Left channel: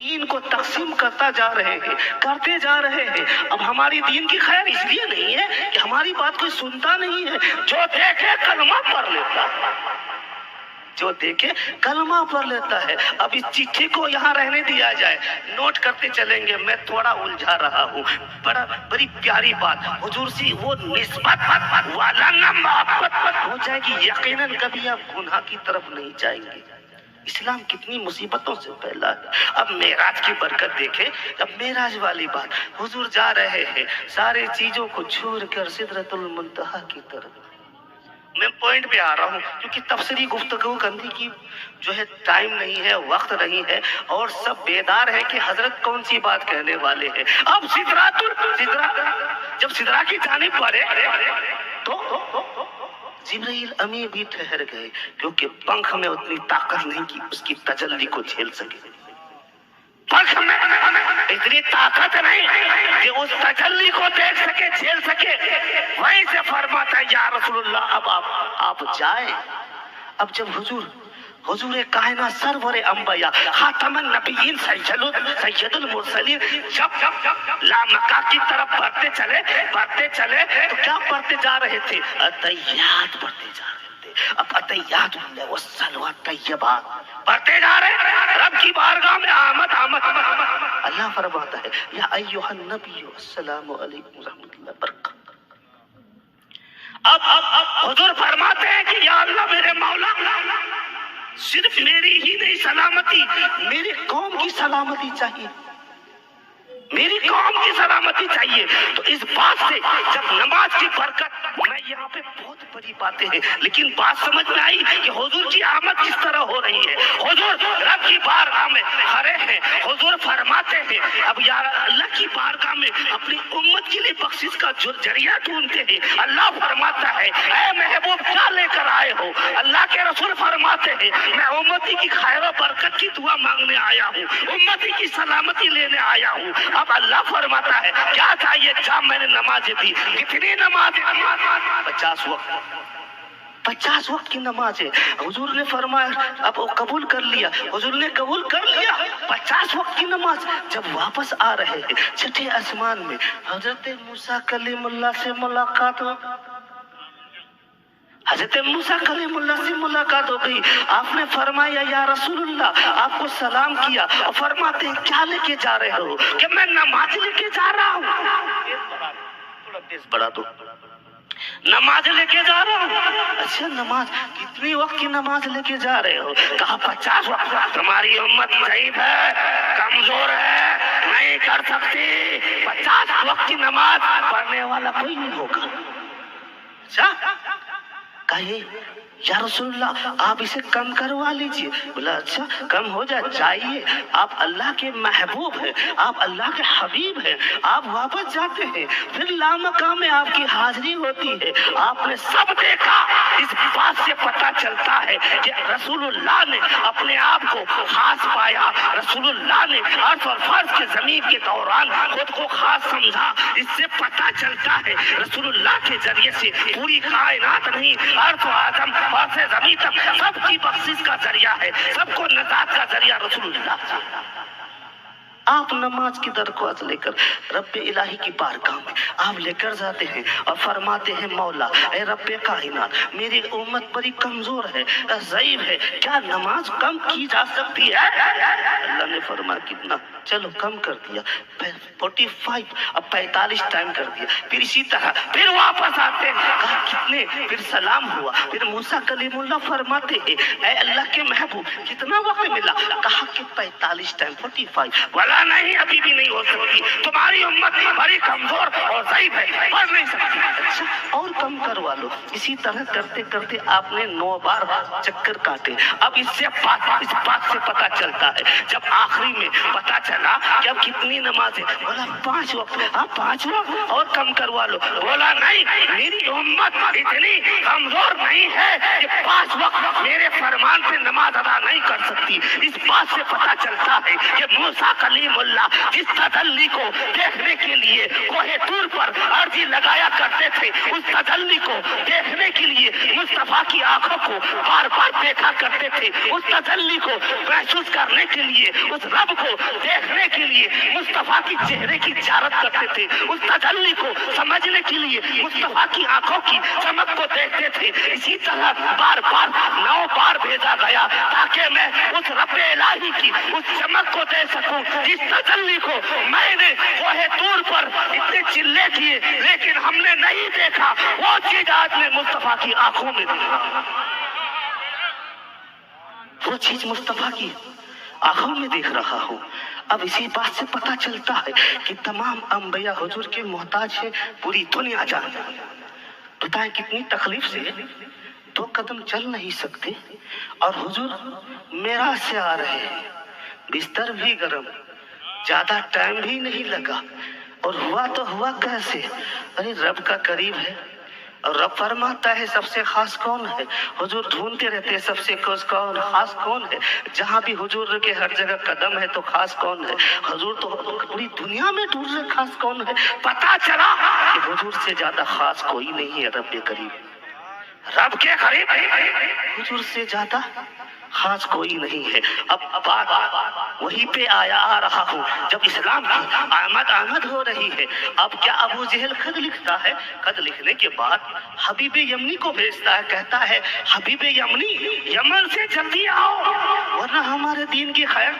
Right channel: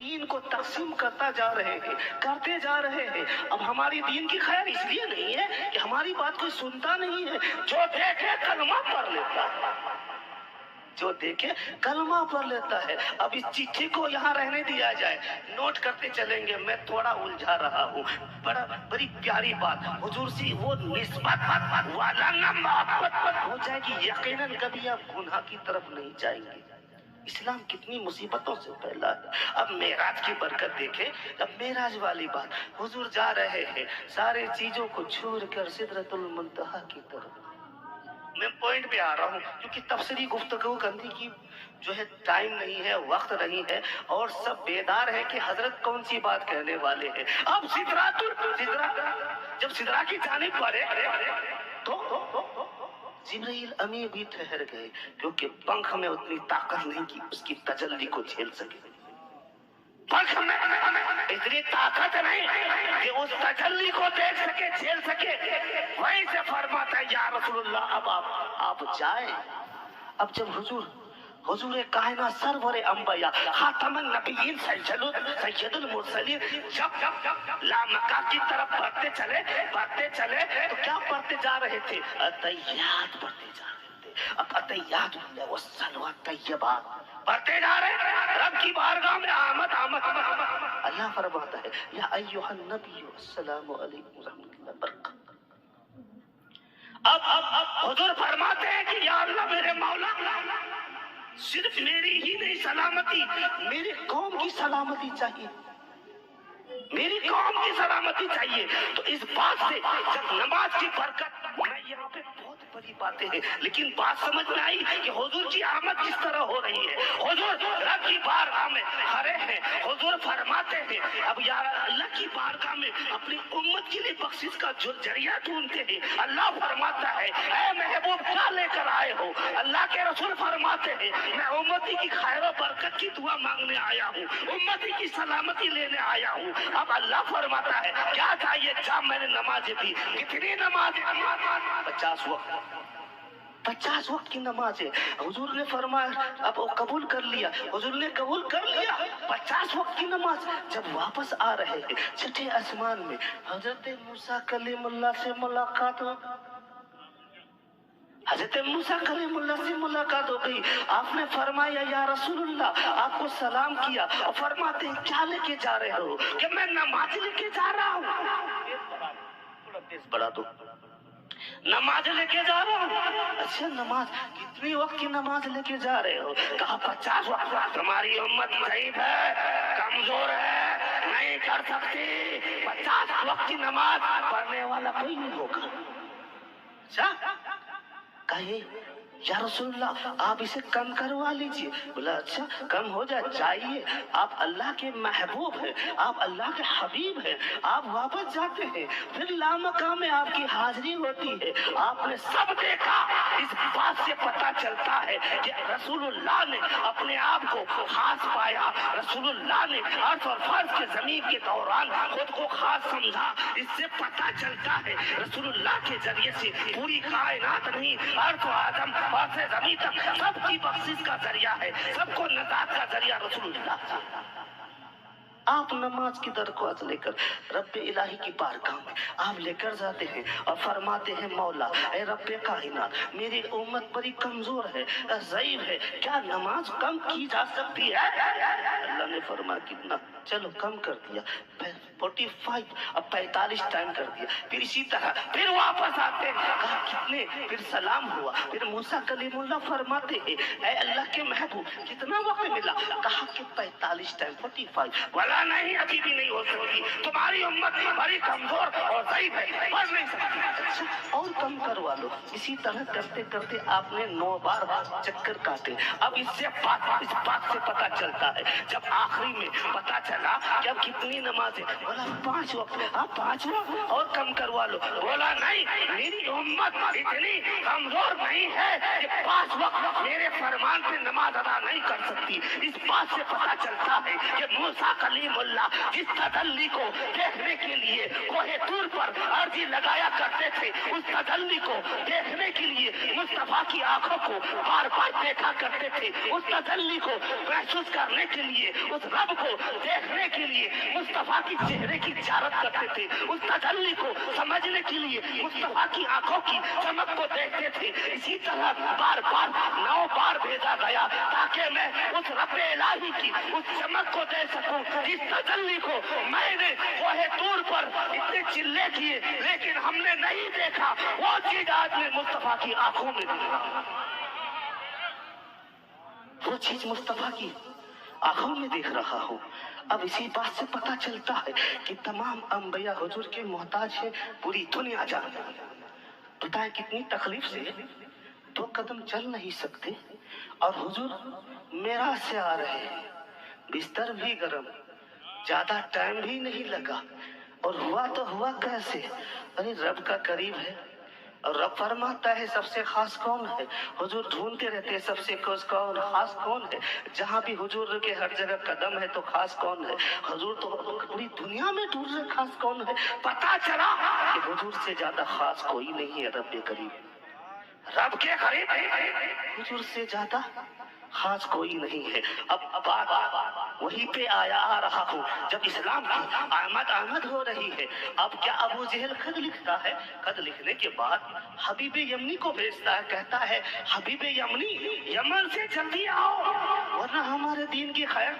دین کو تقسیم کرتے جا رہے ہیں. اب ہماری دین کی خیر اس لیے نہیں ہے کہ ہماری بات کوئی سنتا نہیں ہے. جو دیکھے کلمہ پڑھ لیتا ہے، جو دیکھے کلمہ پڑھ لیتا ہے. اب اس چٹھی کو یہاں رہنے دیا جائے، نوٹ کرتے چلیں گے. میں تھوڑا الجھا رہا ہوں. بڑی پیاری بات حضور سے وہ نسبت والا نہ محبت ہو جائے گی، یقیناً کبھی آپ گناہ کی طرف نہیں جائیں گے. اسلام کتنی مصیبتوں سے پھیلا ہے. اب معراج کی برکت دیکھیں. اب معراج والی بات، حضور جا رہے ہیں سارے چیزوں کو چھوڑ کر سدرۃ المنتہا کی طرف. میں پوائنٹ پہ آ رہا ہوں کیونکہ تفسیری گفتگو کرنے کی جو ہے ٹائم نہیں ہے، وقت نہیں ہے، اور سب بیدار ہے کہ حضرت کون سی بات کہنے والے ہیں. اب جب سدرا کی جانب بڑھے تو جبرائیل امی بھی ٹھہر گئے، کیونکہ پنکھ میں اتنی طاقت نہیں کہ اس کی تجلی کو جھیل سکے. پنکھ میں اتنی طاقت نہیں کہ اس تجلی کو دیکھ سکے، جھیل سکے. وہیں سے فرماتا ہے یا رسول اللہ اب آپ جائیں. اب جب حضور کائنات سرور انبیاء خاتم النبیین سید المرسلین جب لامکہ کی طرف بڑھتے چلے تو کیا پڑھتے جا رہے تھے؟ عطیات پڑھتے جا رہے تھے. اب عطیات والصلوات طیبات پڑھتے جا رہے ہیں. رب کی بارگاہ میں آمد. اللہ فرماتا ہے یا ایھا النبی السلام علیکم ورحمۃ اللہ وبرکاتہ. اب حضور فرماتے ہیں کہ یا اللہ میرے مولا، صرف میری ہی نہیں سلامتی، میری قوم کی سلامتی چاہیے، میری قوم کی سلامتی چاہیے. تو اس بات سے جب نماز کی برکت، میں یہاں پہ بہت بڑی باتیں ہیں لیکن بات سمجھ میں آئی کہ حضور کی آمد کس طرح ہو رہی ہے. حضور رب کی بارگاہ میں کھڑے ہیں. حضور فرماتے ہیں اب یا اللہ کی بارگاہ میں اپنی امت کے لیے بخشش کا ذریعہ ڈھونڈتے ہیں. اللہ فرماتا ہے اے محبوب کیا لے کر آئے ہو؟ اللہ کے رسول فرماتے ہیں میں امتی کی خیر و برکت کی دعا مانگنے آیا ہوں، امتی کی سلامتی لینے آیا ہوں. اب اللہ فرماتا ہے کیا چاہیے؟ جب میں نے نمازیں دی. کتنی نماز؟ 50 وقت. 50 وقت کی نماز ہے. حضور نے فرمایا اب وہ قبول کر لیا. حضور نے قبول کر لیا 50 وقت کی نماز. جب واپس آ رہے ہیں چھٹے آسمان میں حضرت موسیٰ کلیم اللہ سے ملاقات ہو. حضرت موسیٰ کلیم اللہ سے ملاقات ہو گئی. آپ نے فرمایا یا رسول اللہ، آپ کو سلام کیا اور فرماتے ہیں کیا لے کے جا رہے ہو؟ کہ میں نماز لے کے جا رہا ہوں. تھوڑا تیز بڑھا دو. نماز لے کے جا رہا ہوں. اچھا نماز کتنی وقت کی نماز لے کے جا رہے ہو؟ کہا 50 وقت. تمہاری امت ضعیف ہے، کمزور ہے، نہیں کر سکتی. 50 وقت کی نماز پڑھنے والا کوئی نہیں ہوگا. اچھا کہیے یا رسول اللہ آپ اسے کم کروا لیجئے. بولا اچھا کم ہو جائے چاہیے. آپ اللہ کے محبوب ہیں، آپ اللہ کے حبیب ہیں. آپ واپس جاتے ہیں، پھر لامکہ میں آپ کی حاضری ہوتی ہے. آپ نے سب دیکھا. اس بات سے پتہ چلتا ہے کہ رسول اللہ نے اپنے آپ کو خاص پایا. رسول اللہ نے عرش اور فرش کے زمین کے دوران خود کو خاص سمجھا. اس سے پتہ چلتا ہے رسول اللہ کے ذریعے سے پوری کائنات نہیں، عرش و آدم اور سے زمین تک سب کی بخشش کا ذریعہ ہے، سب کو نجات کا ذریعہ رسول اللہ. آپ نماز کی درخواست لے کر رب الہی کی بارگاہ میں آپ لے کر جاتے ہیں اور فرماتے ہیں مولا اے رب کائنات میری امت بڑی کمزور ہے، ضعیف ہے، کیا نماز کم کی جا سکتی ہے؟ اللہ نے فرمایا کتنا؟ چلو کم کر دیا 45. اب 45 ٹائم کر دیا. پھر اسی طرح پھر واپس آتے ہیں. کہا کتنے؟ پھر سلام ہوا. پھر موسیٰ کلیم اللہ فرماتے ہیں اے اللہ کے محبوب کتنا وقت ملا؟ کہا کہ 45 ٹائم 45. بولا نہیں ابھی بھی نہیں ہو سکتی، تمہاری امت بڑی کمزور اور ضعیف ہے، پڑھ نہیں سکتی. اچھا اور کم کروا لو. اسی طرح کرتے کرتے آپ نے 9 بار چکر کاٹے. اب اس بات سے پتہ چلتا ہے جب آخری میں پتہ چلا کہ اب کتنی نمازیں؟ بولا 5 وقت. آپ 5 وقت اور کم کروا لو. بولا نہیں میری امت اتنی کمزور نہیں ہے کہ 5 وقت میرے فرمان سے نماز ادا نہیں کر سکتی. اس بات سے پتہ چلتا ہے کہ موسیٰ کلیم ابراہیم اللہ جس تجلی کو دیکھنے کے لیے کوہ طور پر عرضی لگایا کرتے تھے، اس تجلی کو دیکھنے کے لیے مصطفیٰ کی آنکھوں کو بار بار دیکھا کرتے تھے، اس تجلی کو محسوس کرنے کے لیے، اس رب کو دیکھنے کے لیے مصطفیٰ کی چہرے کی زیارت کرتے تھے، اس تجلی کو سمجھنے کے لیے مصطفیٰ کی آنکھوں کی چمک کو دیکھتے تھے۔ اسی طرح بار بار 9 بار بھیجا گیا تاکہ میں اس رب الہی کی اس چمک کو دے سکوں، جس تجلی کو میں نے کوہ طور پر اتنے چلے کیے لیکن ہم نے نہیں دیکھا، وہ چیز آج میں مصطفیٰ کی آنکھوں میں دیکھا، وہ چیز مصطفیٰ کی آنکھوں میں دیکھ رہا ہوں۔ اب اسی بات سے پتہ چلتا ہے کہ تمام انبیاء حضور کے محتاج ہے، پوری دنیا جانتی ہے۔ بتائیں کتنی تکلیف سے 2 قدم چل نہیں سکتے اور حضور معراج سے آ رہے ہیں، بستر بھی گرم، زیادہ ٹائم بھی نہیں لگا، اور ہوا تو ہوا کیسے؟ ارے رب کا قریب ہے، اور رب فرماتا ہے سب سے خاص کون ہے؟ حضور ڈھونڈتے رہتے ہیں سب سے خاص کون ہے؟ جہاں بھی حضور کے ہر جگہ قدم ہے تو خاص کون ہے؟ حضور تو پوری دنیا میں ڈھونڈ رہے خاص کون ہے؟ پتا چلا کہ حضور سے زیادہ خاص کوئی نہیں ہے رب کے قریب، رب کے قریب حضور سے زیادہ خاص کوئی نہیں ہے۔ اب بات وہی پہ آ رہا ہوں، جب اسلام کی آمد ہو رہی ہے، اب کیا ابو جہل خط لکھتا ہے؟ خط لکھنے کے بعد حبیب یمنی کو بھیجتا ہے، کہتا ہے حبیب یمنی یمن سے جلدی آؤ ورنہ ہمارے دین کی خیر